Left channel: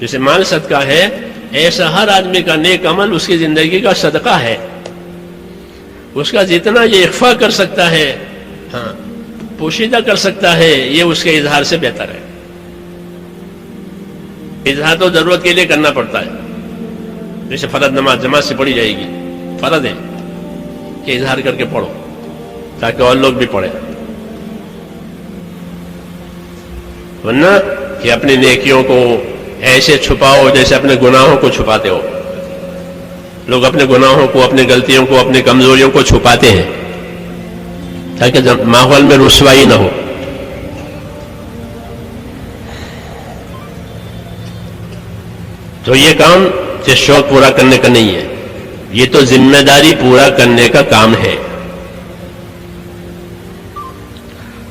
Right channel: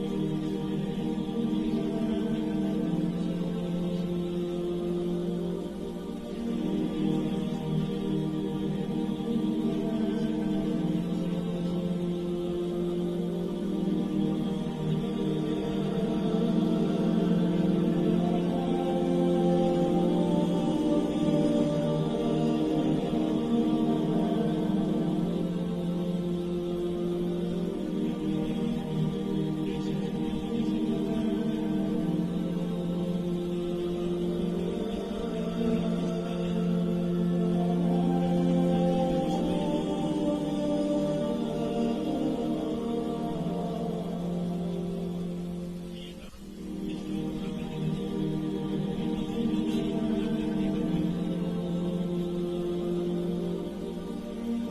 جیسے مال صدقہ ہے، ایسا ہر آدمی کا نیک عمل اس کی زندگی کا صدقہ ہے. اس کا جتنا یہ اخفا کر سکتا ہے، ہاں پوشیدہ کر سکتا ہے، یہ اس کے اظہار سے بہتر ہے. اظہار تو ضرورت کے لیے کرنا پڑتا ہے. جیسے فرض نماز جماعت سے پڑھی جائے گی، فرض ہے کہ اظہار کر کے پڑھو تاکہ اور لوگ بھی پڑھیں. ورنہ کہ اپنی نیکیوں کو ایسے چھپاؤ جیسے اپنے گناہوں کو چھپاتے ہو. لوگ اپنے گناہوں کو، اپنی غلطیوں کو، اپنی کمزوریوں کو چھپاتے ہیں تاکہ ماحول میں رسوائی نہ ہو. تو یہ کام صرف شوق پورا کرنے کا نہیں ہے، یہ تو ذمہ داری پورا کرنے کا کام ہے.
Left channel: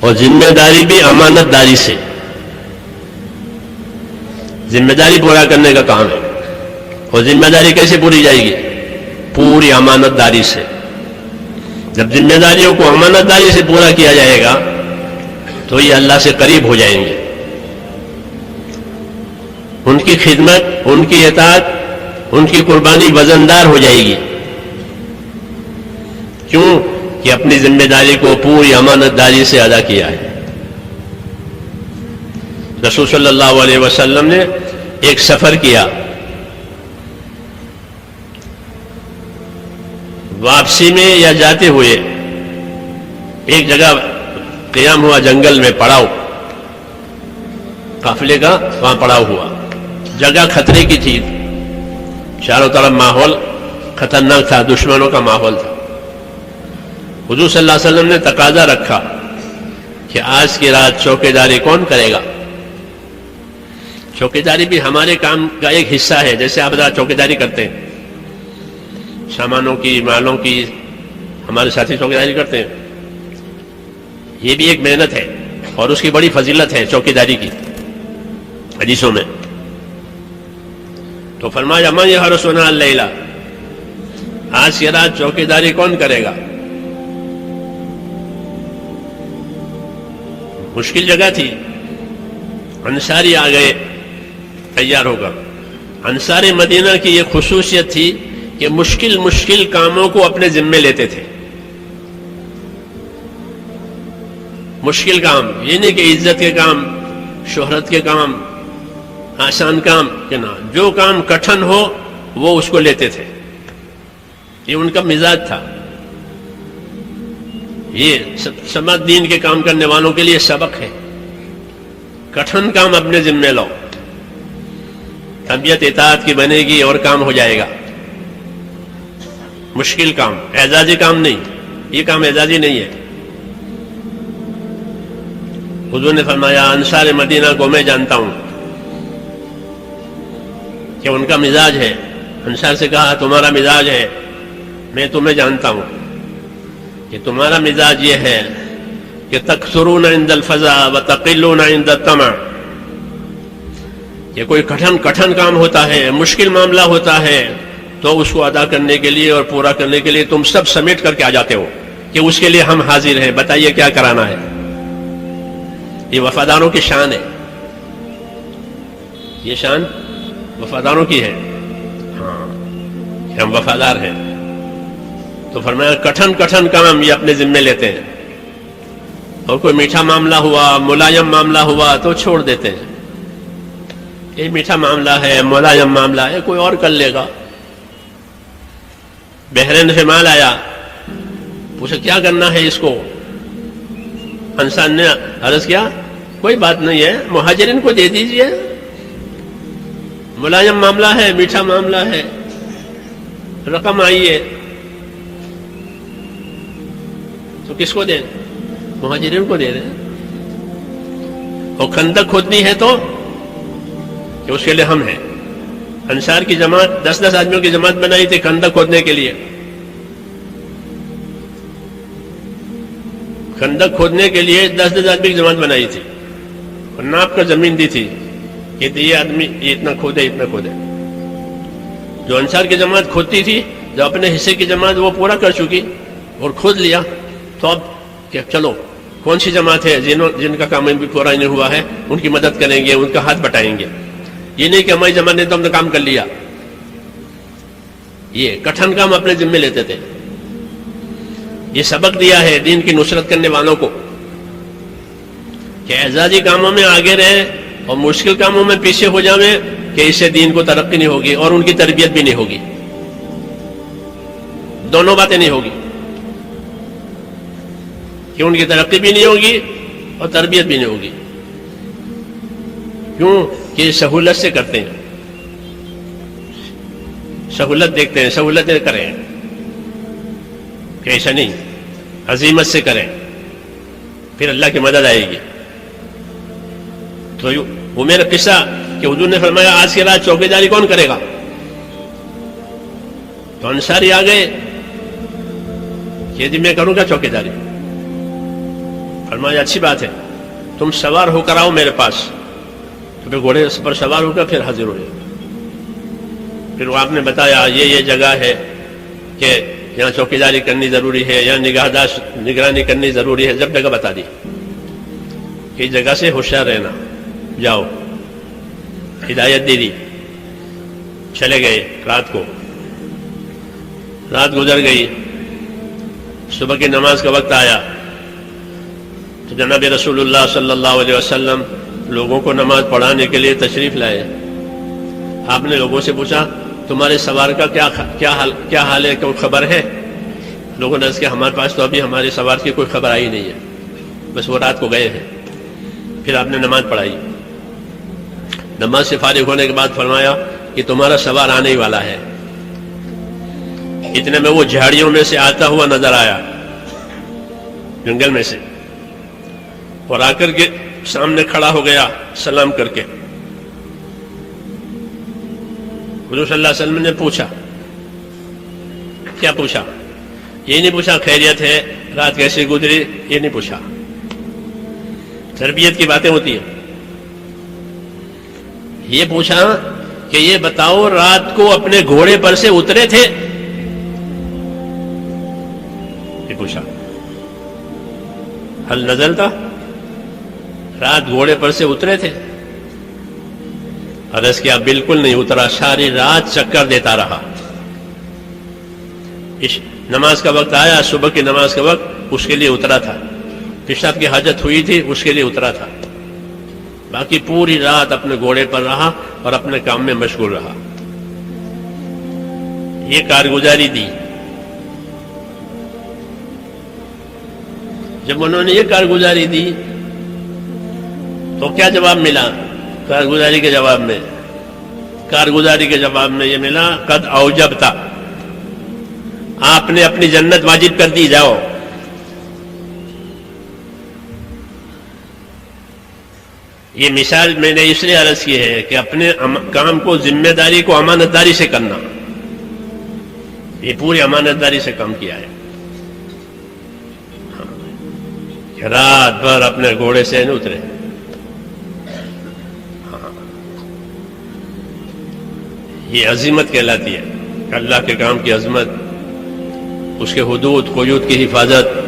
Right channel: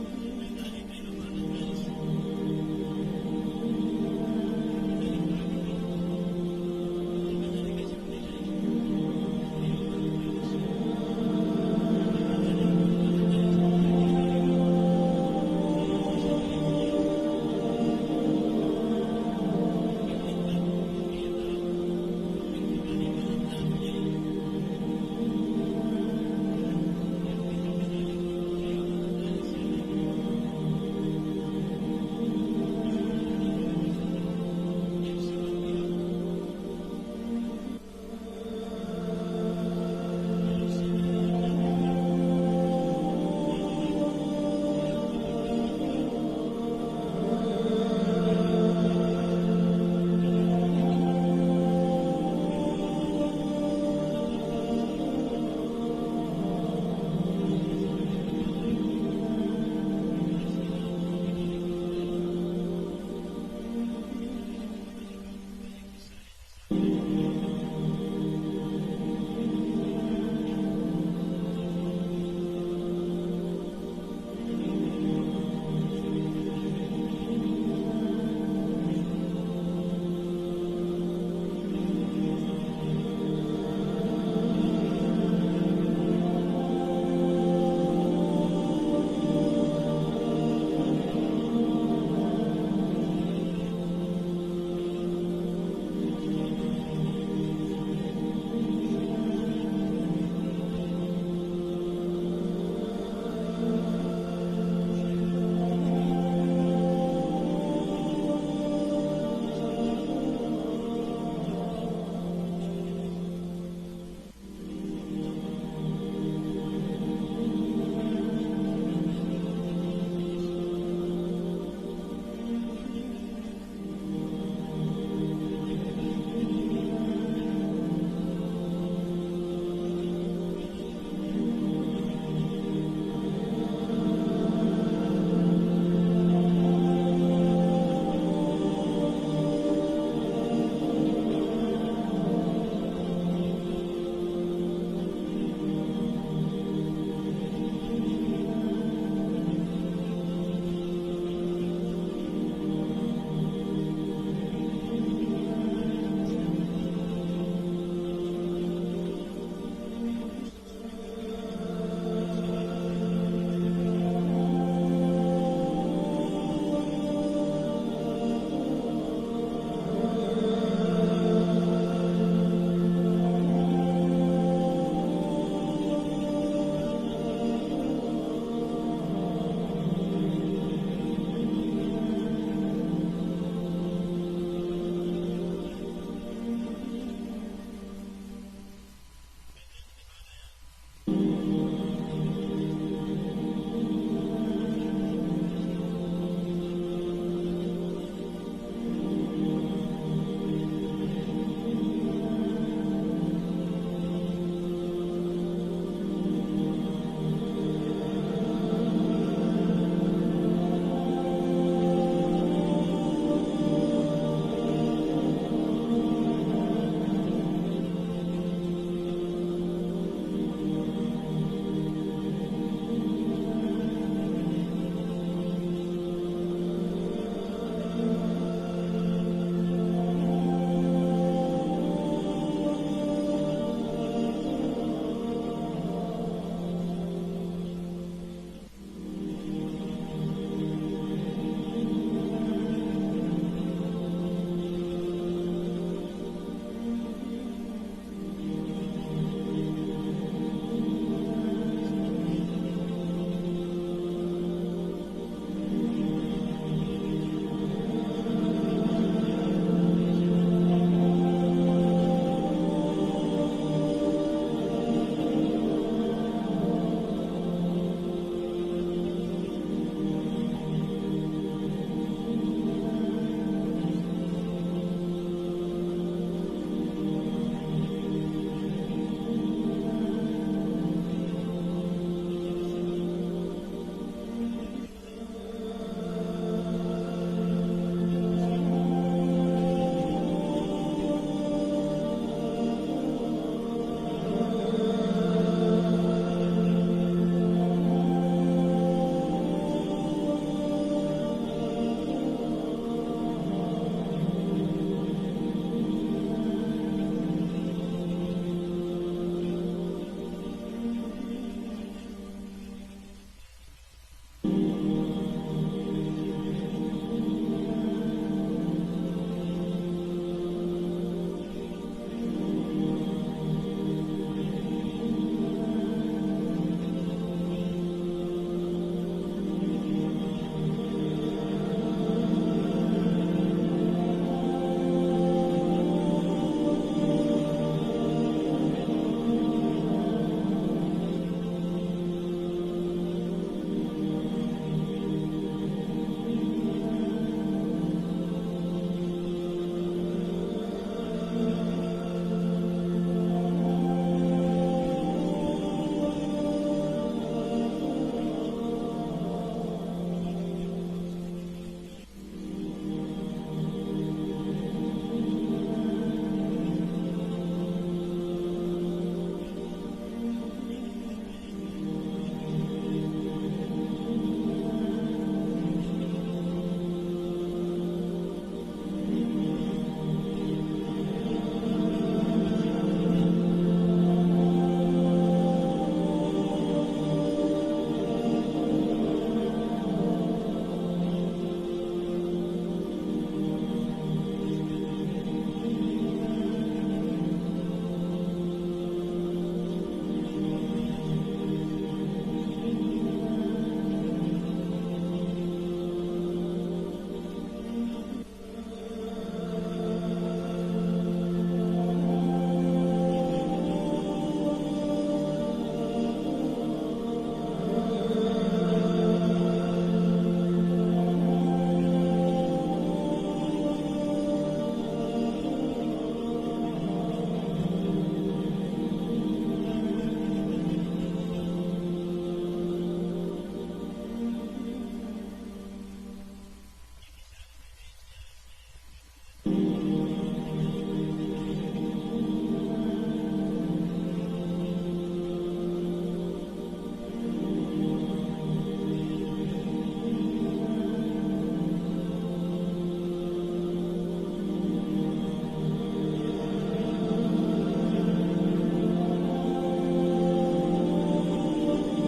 اور ذمہ داری بھی امانت داری سے، ذمہ داری پورا کرنے کا کام ہے. اور ذمہ داری کیسے پوری جائے گی؟ پوری امانت داری سے. جب ذمہ داریوں کو امانت داری سے پورا کیا جائے گا تو یہ اللہ سے قریب ہو جائیں گے. ان کی خدمت، ان کی اطاعت، ان کی قربانی وزندار ہو جائے گی. کیوں کہ اپنی ذمہ داری کو پوری امانت داری سے ادا کیا ہے. رسول صلی اللہ علیہ وسلم نے ایک سفر کیا، واپسی میں یا جاتے ہوئے ایک جگہ قیام ہوا، جنگل میں پڑاؤ، قافلے کا وہاں پڑاؤ ہوا. جگہ خطرے کی تھی، چاروں طرف ماحول خطرناک تھا، دشمنوں کا ماحول تھا. حضور صلی اللہ علیہ وسلم نے تقاضا رکھا کہ آج کی رات چوکیداری کون کرے گا؟ چوکیداری بھی ہمارے کام کا ایک حصہ ہے. جیسے آپ رات چوکیداری کرتے ہیں، سامانوں کی، مالوں کی، ہمارے ساتھی چوکیداری کرتے ہیں. یہ بھی ایک محنت ہے اور اس کی بڑی فضیلت ہے چوکیداری کی حدیثوں میں. تو فرمایا من یحرسنا اللیلہ، آج کی رات چوکیداری کون کرے گا؟ مشکل جگہ تھی، انصاری آ گئے تیار ہو کر. انصار مدینہ کی یہ خصوصیت تھی کہ مشکل کاموں کو اپنے ذمے لیتے تھے. مشکل کام یہ نہیں کہ عزت کے کام، شہرت کے کام، آسان کام کہ نہ، جو کام کٹھن ہو وہ اس کو لیتے تھے. یہ ان کا مزاج تھا. یہ سماج دین کے کام کرنے والوں کے لیے سبق ہے. کٹھن کام اپنے ذمے لو، طبیعت اطاعت کی بنے گی اور کام ہو جائے گا. مشکل کام، اعزازی کام نہیں، یہ کام اعزازی نہیں ہے. حضور نے فرمایا انصار مدینہ کو میں جانتا ہوں کہ ان کا مزاج ہے. انصار سے کہا تمہارا مزاج ہے، میں تمہیں جانتا ہوں کہ تمہارا مزاج یہ ہے کہ تکثرون عند الفزع وتقلون عند الطمع. کہ کوئی کٹھن کام ہوتا ہے، مشکل معاملہ ہوتا ہے تو اس کو ادا کرنے کے لیے اور پورا کرنے کے لیے تم سب سمیٹ کر کے آ جاتے ہو کہ اس کے لیے ہم حاضر ہیں، بتائیے کیا کرانا ہے. یہ وفاداروں کی شان ہے، یہ شان وفاداروں کی ہے. ہاں کہ ہم وفادار ہیں. تو فرمایا کٹھن کام یہ اپنے ذمے لیتے ہیں، اور کوئی میٹھا معاملہ ہوا، ملائم معاملہ ہوا تو چھوڑ دیتے ہیں. یہ میٹھا معاملہ ہے، ملائم معاملہ ہے، کوئی اور کر لے گا. بحرین سے مال آیا، پوچھا کیا کرنا ہے اس کو؟ انصار نے عرض کیا کوئی بات نہیں ہے، مہاجرین کو دے دیجئے. ملائم معاملہ ہے، میٹھا معاملہ ہے، رقم آئی ہے تو کس کو دیں؟ مہاجرین کو دے دیں. اور خندق کھودنی ہے تو کہ اس کے لیے ہم ہیں. انصار کی جماعت 10 آدمیوں کی جماعت بنائی تھی خندق کھودنے کے لیے. خندق کھودنے کے لیے 10 آدمی کی جماعت بنائی تھی اور ناپ کر زمین دی تھی کہ یہ آدمی یہ اتنا کھودے اتنا کھودے. جو انصار کی جماعت کھودتی تھی، جو اپنے حصے کی جماعت وہ پورا کر چکی اور کھود لیا، تو اب کہ چلو کون سی جماعت ہے جن کا کام بھی پورا نہیں ہوا ہے ان کی مدد کریں گے، ان کا ہاتھ بٹائیں گے. یہ نہیں کہ ہماری زمانے تو ہم نے کام کر لیا. یہ کٹھن کام اپنے ذمے لیتے تھے. یہ سبق دیا ہے دین کی نصرت کرنے والوں کو کہ اعزازی کاموں میں آگے رہیں اور مشکل کاموں میں پیچھے ہو جاویں کہ اس سے دین کو ترقی نہیں ہوگی اور ان کی تربیت بھی نہیں ہوگی. دونوں باتیں نہیں ہوگی کہ ان کی ترقی بھی نہیں ہوگی اور تربیت بھی نہیں ہوگی. کیوں کہ سہولت سے کرتے ہیں, سہولت دیکھتے ہیں, سہولتیں کریں کہ ایسا نہیں, عزیمت سے کریں پھر اللہ کی مدد آئے گی. تو وہ میرا قصہ کہ حضور نے فرمایا آج کی رات چوکیداری کون کرے گا؟ تو انصاری آ گئے کہ جی میں کروں گا چوکیداری. فرمایا اچھی بات ہے, تم سوار ہو کر آؤ میرے پاس. تو پھر گھوڑے پر سوار ہو کر پھر حاضر ہوئے. پھر وہ آپ نے بتایا یہ جگہ ہے کہ یہاں چوکیداری کرنی ضروری ہے, یہاں نگرانی کرنی ضروری ہے. جب جگہ بتا دی کہ اس جگہ سے ہوشیار رہنا, جاؤ, ہدایت دے دی. چلے گئے. رات گزر گئی. صبح کی نماز کا وقت آیا تو جناب رسول اللہ صلی اللہ علیہ وسلم لوگوں کو نماز پڑھانے کے لیے تشریف لائے. آپ نے لوگوں سے پوچھا تمہارے سوار کا کیا حال ہے, کوئی خبر ہے؟ لوگوں نے عرض کیا ہمارے پاس تو ابھی ہمارے سوار کی کوئی خبر آئی نہیں ہے, بس وہ رات کو گئے ہیں. پھر آپ نے نماز پڑھائی. نماز سے فارغ ہونے کے بعد فرمایا کہ تمہارا سوار آنے ہی والا ہے. اتنے میں وہ جھاڑیوں میں سے آتا ہوا نظر آیا, جنگل میں سے, اور آ کر کے سامنے کھڑا ہو گیا سلام کر کے. حضور صلی اللہ علیہ وسلم نے پوچھا, کیا پوچھا؟ یہ نہیں پوچھا خیریت ہے, رات کیسے گزری, یہ نہیں پوچھا. تربیت کی باتیں ہوتی ہیں. یہ پوچھا کہ یہ بتاؤ رات کو اپنے گھوڑے پر سے اترے تھے؟ یہ پوچھا. حل نزل تھا, رات گھوڑے پر سے اترے تھے؟ عرض کیا بالکل نہیں اترا, ساری رات چکر دیتا رہا. نماز کا وقت آیا, صبح کی نماز کا وقت, اس کے لیے اترا تھا. پیشاب کی حاجت ہوئی تھی, اس کے لیے اترا تھا. باقی پوری رات اپنے گھوڑے پر رہا اور اپنے کام میں مشغول رہا. یہ کارگزاری دی. جب انہوں نے یہ کارگزاری دی تو کیا جواب ملا؟ کارگزاری کے جواب میں یہ ملا قد اوجبتا, آپ نے اپنی جنت واجب کر دی, جاؤ. یہ مثال میں نے اس لیے عرض کی ہے کہ اپنے کام کو, ذمہ داری کو امانت داری سے کرنا. یہ پوری امانت داری سے کام کیا ہے. رات بھر اپنے گھوڑے سے نہیں اترے. یہ عظمت کہلاتی ہے. اللہ کے کام کی عظمت, اس کے حدود قیود کی حفاظت.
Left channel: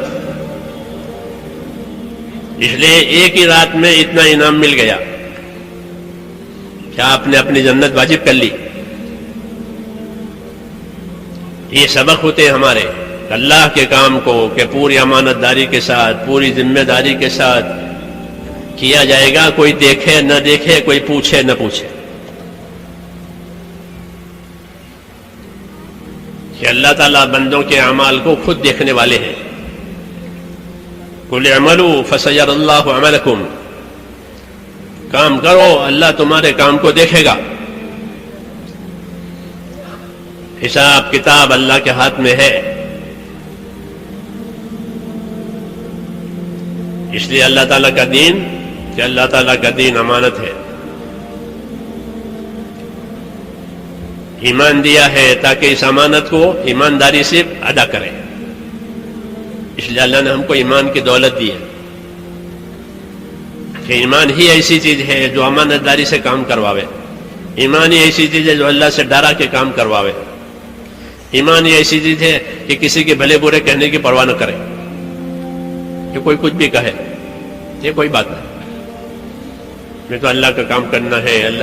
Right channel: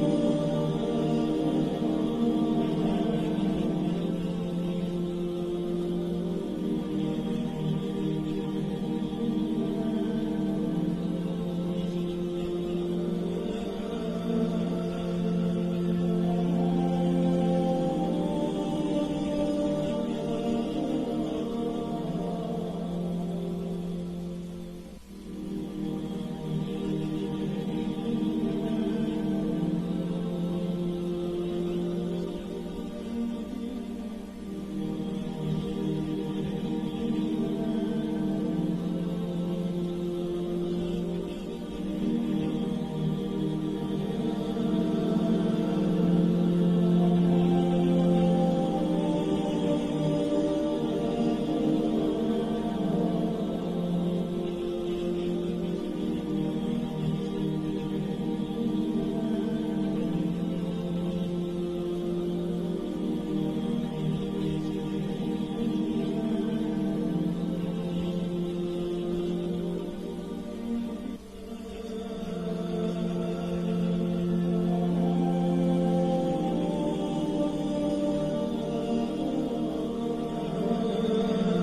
اس لیے ایک ہی رات میں اتنا انعام مل گیا کہ آپ نے اپنی جنت واجب کر لی. یہ سبق ہوتے ہیں ہمارے اللہ کے کام کو کہ پوری امانت داری کے ساتھ, پوری ذمہ داری کے ساتھ کیا جائے گا. کوئی دیکھے نہ دیکھے, کوئی پوچھے نہ پوچھے. کہ اللہ تعالیٰ بندوں کے اعمال کو خود دیکھنے والے ہیں. قل اعملوا فسيرى الله عملكم, کام کرو اللہ تمہارے کام کو دیکھے گا. حساب کتاب اللہ کے ہاتھ میں ہے. اس لیے اللہ تعالیٰ کا دین, کہ اللہ تعالیٰ کا دین امانت ہے. ایمان دیا ہے تاکہ اس امانت کو ایمانداری سے ادا کریں. اس لیے اللہ نے ہم کو ایمان کی دولت دی ہے کہ ایمان ہی ایسی چیز ہے جو امانت داری سے کام کرواوے. ایمان ہی ایسی چیز ہے جو اللہ سے ڈرا کے کام کرواوے. ایمان ہی ایسی چیز ہے کہ کسی کے بھلے برے کہنے کی پرواہ نہ کرے, کہ کوئی کچھ بھی کہے, یہ کوئی بات نہیں. میں تو اللہ کا کام کرنا ہے. اللہ